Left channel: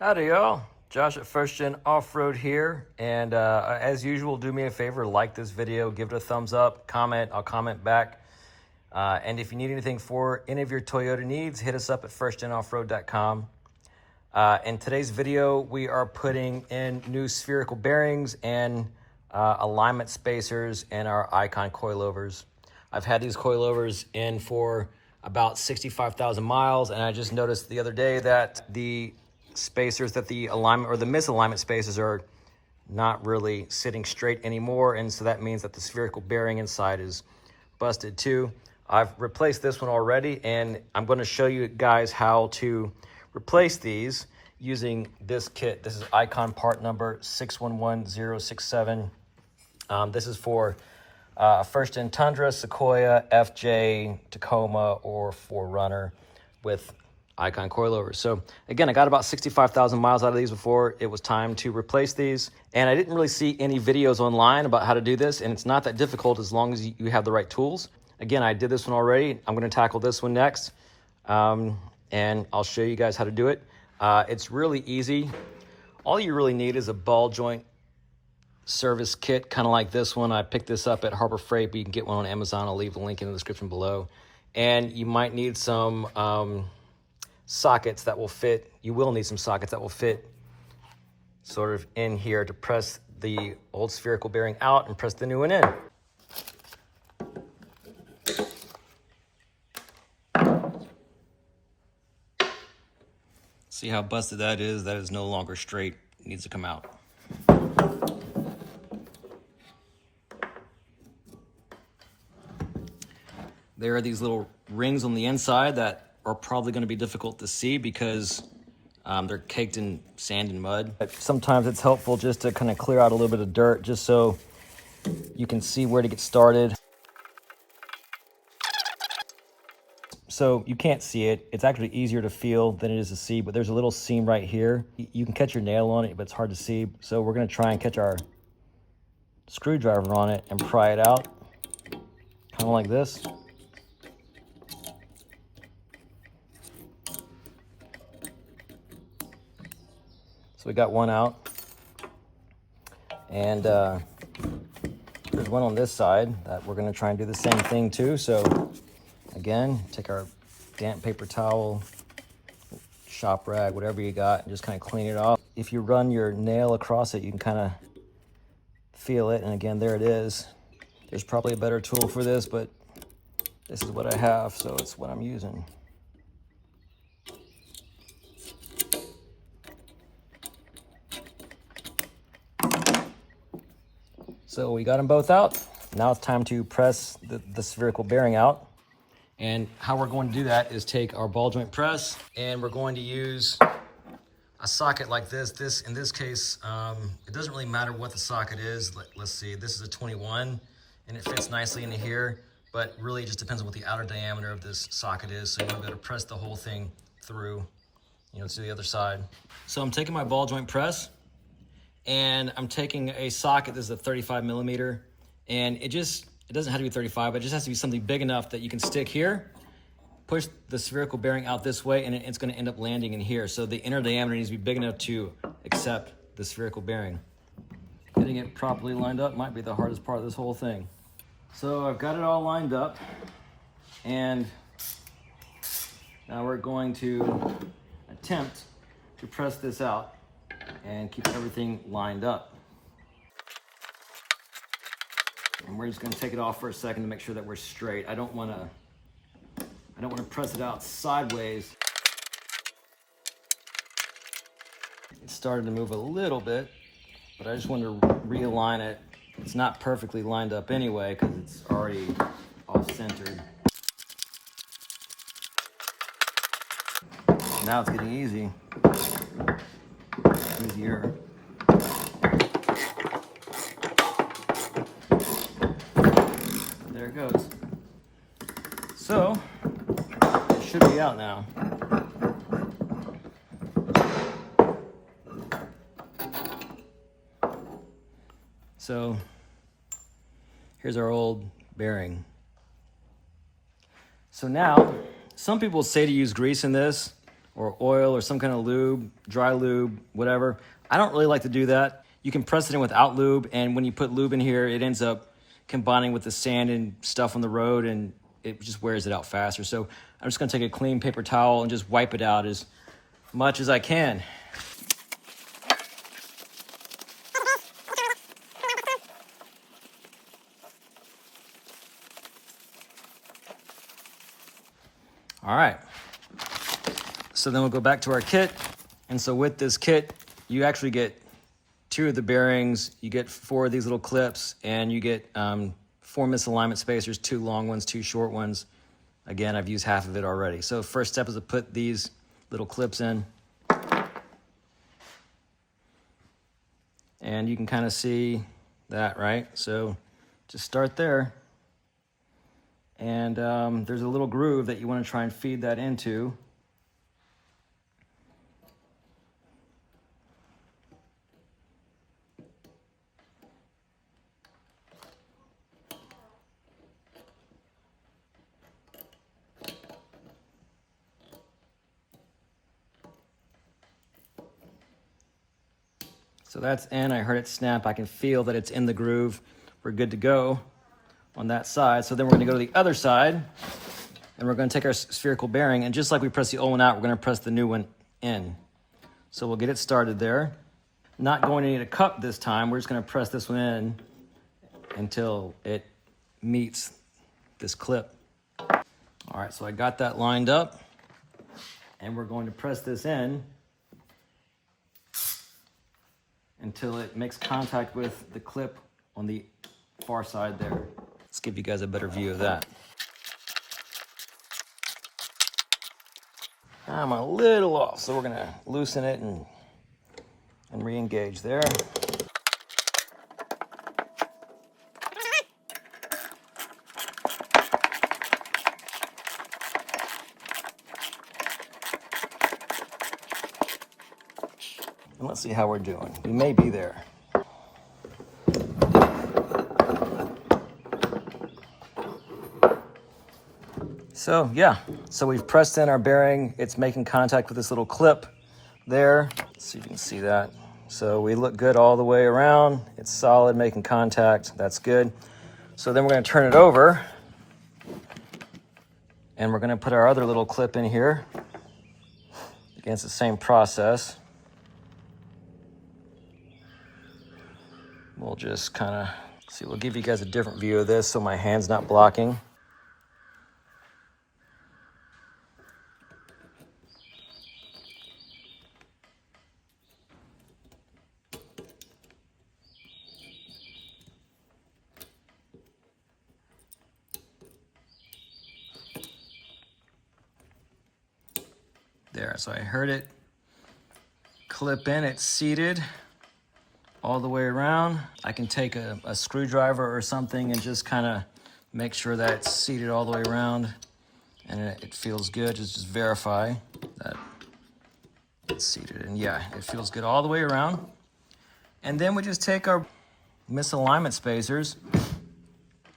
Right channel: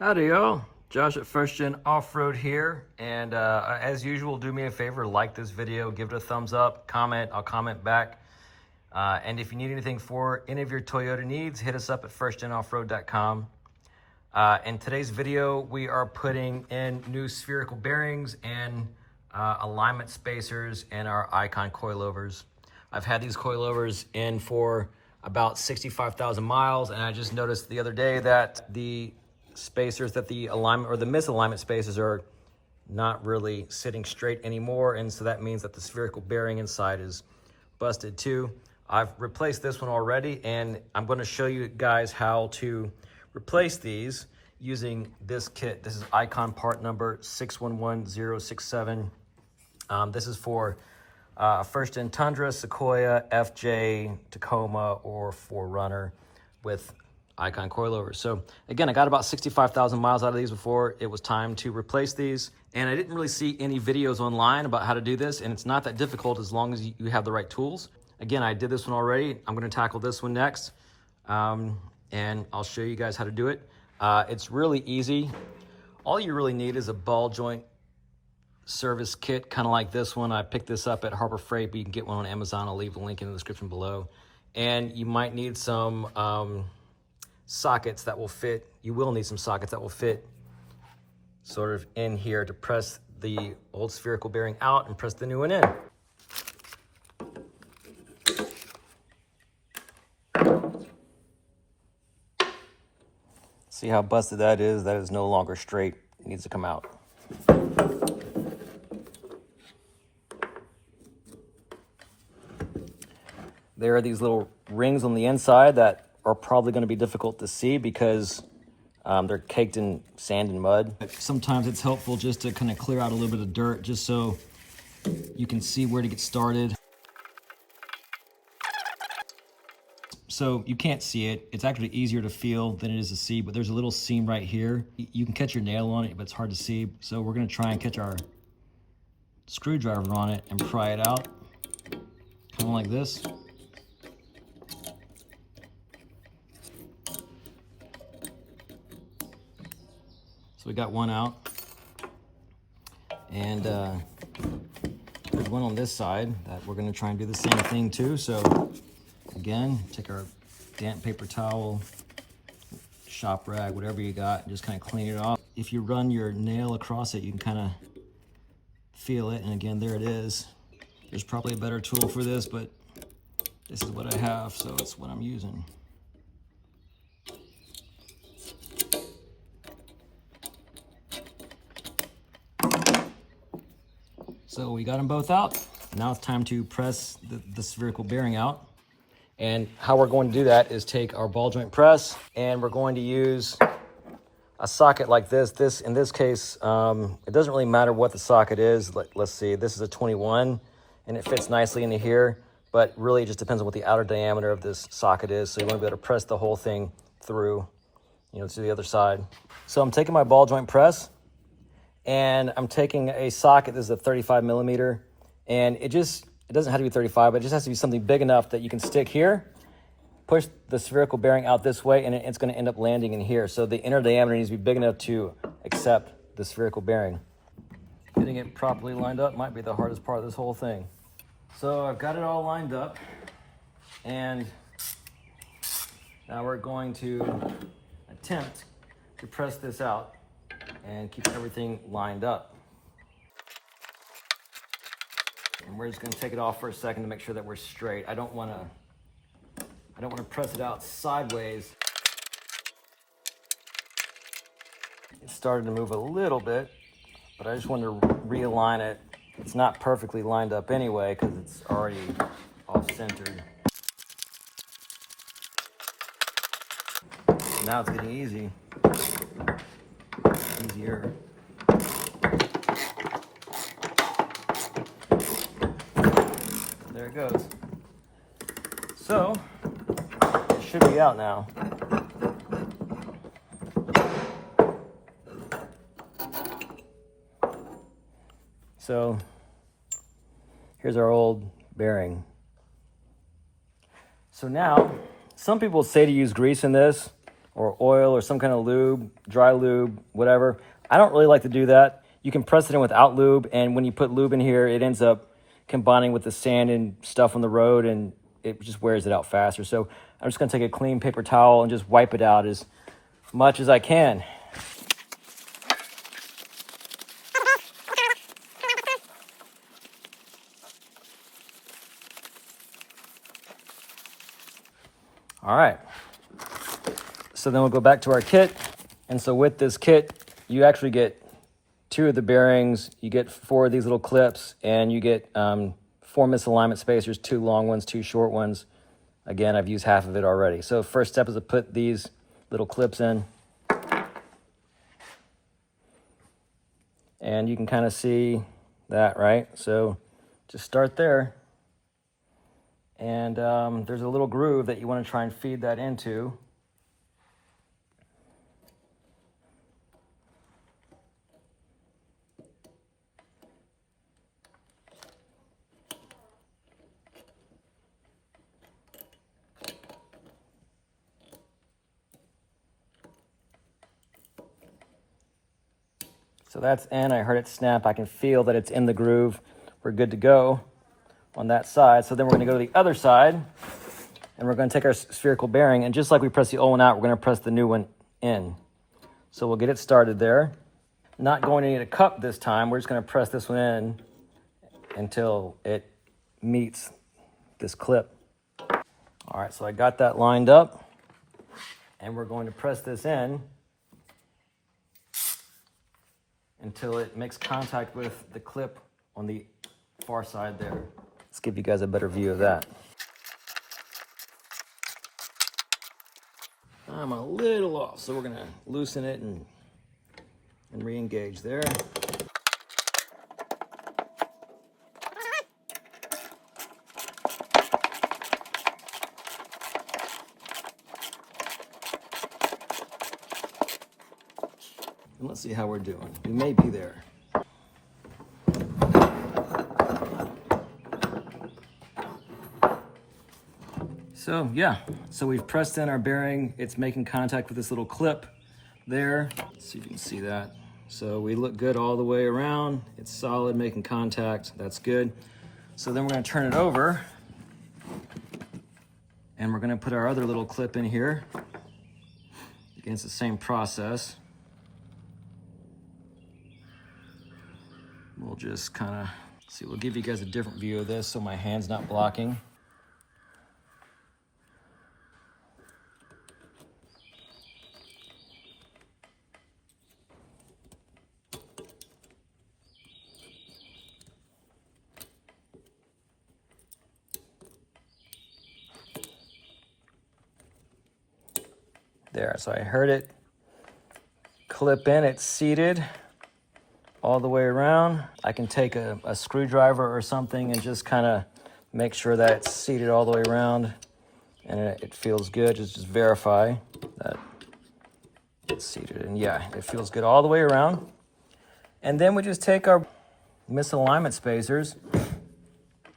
Howdy y'all, Josh at First Gen Off-Road here, and as usual, do me a favor, like this video, give it a thumbs up, comment, I'll comment back, and if you need anything for any of your Toyota needs, hit us up at firstgenoffroad.com. In today's video, we are putting in new spherical bearings and alignment spacers in our Icon Coilovers. I've had these coilovers in for about 65,000 miles, and I just noticed the other day that the spacers, that the alignment or the misalignment spacers are not really sitting straight anymore, and so that means that the spherical bearing inside is busted too. I've replaced this one already, and I'm going to show you guys how to replace these using this kit. This is Icon part number 611067. This is for first Gen Tundra, Sequoia, FJ, Tacoma, or 4Runner with Icon Coilovers. So again, I got about 65,000 miles out of these before it was time to replace these. And I didn't really see any videos online about how to do this. And it's not that difficult as long as you have the right tools. Again, I did this one already. I'm going to tackle this one next. And I'll show you guys how to do it. It's really easy. All you really need is a ball joint service kit, kind of like this one. I picked this up at Harbor Freight, but you can get one on Amazon. I'll leave a link in the description below. And you might need some sockets that will fit. You will need some sockets that will fit sort of in here to press the old spherical bearing out and press the new one in. See how busted that is? That is no longer straight. It needs to come out. There are these little rings on the inside that are probably going to be difficult to see because they're caked in sand and mud. Sometimes it's helpful just to kind of clear out a little bit of dirt just so you can see where to get started. So you can't see it. It's actually easier to feel than it is to see, but there's a little seam right here. You can catch your nail on it, but it's hard to see. So we're going to try and catch our screwdriver on it and pry it out, kind of like this. So we got one out, and there's one on this side that we're going to try and do the same thing too. So again, take our damp paper towel, shop rag, whatever you got, and just kind of clean it off. If you run your nail across it, you can kind of feel it, and again, there it is. There's probably a better tool for this, but this is what I have, so it's what I'm using. So we got them both out. Now it's time to press the spherical bearing out. And how we're going to do that is take our ball joint press, and we're going to use a socket like this. In this case, it doesn't really matter what the socket is. Let's see, this is a 21, and it fits nicely into here, but really it just depends on what the outer diameter of this socket is. So you want to be able to press the whole thing through, to the other side. So I'm taking my ball joint press, and I'm taking a socket. This is a 35 millimeter, and it doesn't have to be 35, but it just has to be something big enough that you can stick here, push the spherical bearing out this way, and it's going to end up landing in here. So the inner diameter needs to be big enough to accept the spherical bearing. Getting it properly lined up might be the hardest part of this whole thing. So I've got it all lined up, and now we're going to attempt to press this out and keep everything lined up. And we're just going to take it off for a second to make sure that we're straight. I don't want to press it out sideways. It started to move a little bit, but I just wanted to realign it. It's not perfectly lined up anyway because it's already off-centered. Now it's getting easier. There it goes. So it should be out now. So here's our old bearing. So now, some people say to use grease in this, or oil or some kind of lube, dry lube, whatever. I don't really like to do that. You can press it in without lube, and when you put lube in here, it ends up combining with the sand and stuff on the road, and it just wears it out faster. So I'm just gonna take a clean paper towel and just wipe it out as much as I can. All right, so then we'll go back to our kit. And so with this kit, you actually get 2 of the bearings, you get 4 of these little clips, and you get 4 misalignment spacers, 2 long ones, 2 short ones. Again, I've used half of it already. So first step is to put these little clips in. And you can kind of see that, right? So just start there. And there's a little groove that you want to try and feed that into. So that's in, I heard it snap. I can feel that it's in the groove. We're good to go on that side. So then we're gonna go to the other side, and we're gonna take our spherical bearing, and just like we press the old one out, we're gonna press the new one in. So we'll get it started there. Not going to need a cup this time. We're just gonna press this one in until it meets this clip. All right, so I got that lined up, and we're going to press this in until it makes contact with the clip on the far side there. Let's give you guys a better view of that. I'm a little off, so we're gonna loosen it and re-engage there. And let's see how we're doing. We may be there. So yeah, so we've pressed in our bearing. It's making contact with this little clip there. Let's see if you can see that. So we look good all the way around. It's solid, making contact. That's good. So then we're gonna turn it over, and we're gonna put our other little clip in here. Again, it's the same process. We'll just kind of see, we'll give you guys a different view of this so my hand's not blocking. There, so I heard it clip in, it's seated all the way around. I can take a screwdriver or something and just kind of make sure that it's seated all the way around and it feels good. Just verify that it's seated, and yeah, it feels good all the way around. And then we just take our misalignment spacers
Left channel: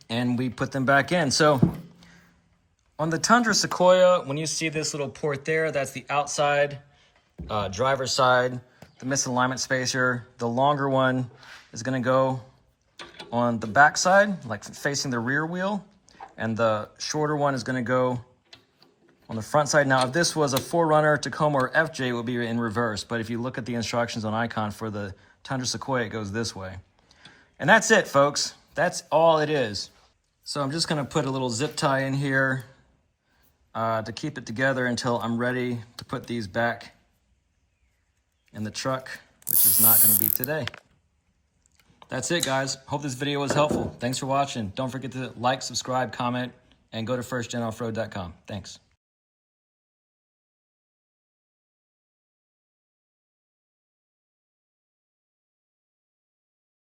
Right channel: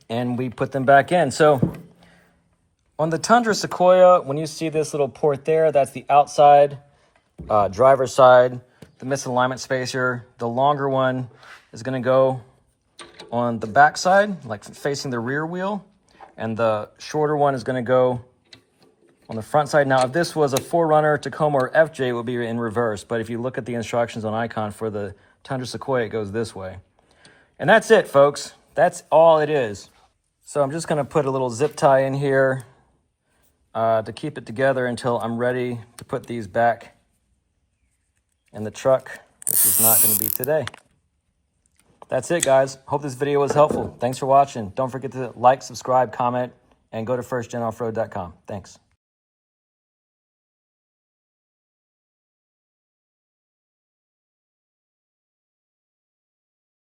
and we put them back in. So on the Tundra Sequoia, when you see this little port there, that's the outside driver's side. The misalignment spacer, the longer one is going to go on the back side, like facing the rear wheel, and the shorter one is going to go on the front side. Now, if this was a 4Runner, Tacoma, or FJ, it would be in reverse, but if you look at the instructions on Icon for the Tundra Sequoia, it goes this way. And that's it, folks. That's all it is. So I'm just going to put a little zip tie in here to keep it together until I'm ready to put these back in the truck, which is not going to be today. That's it, guys. Hope this video was helpful. Thanks for watching. Don't forget to like, subscribe, comment, and go to firstgenoffroad.com. Thanks.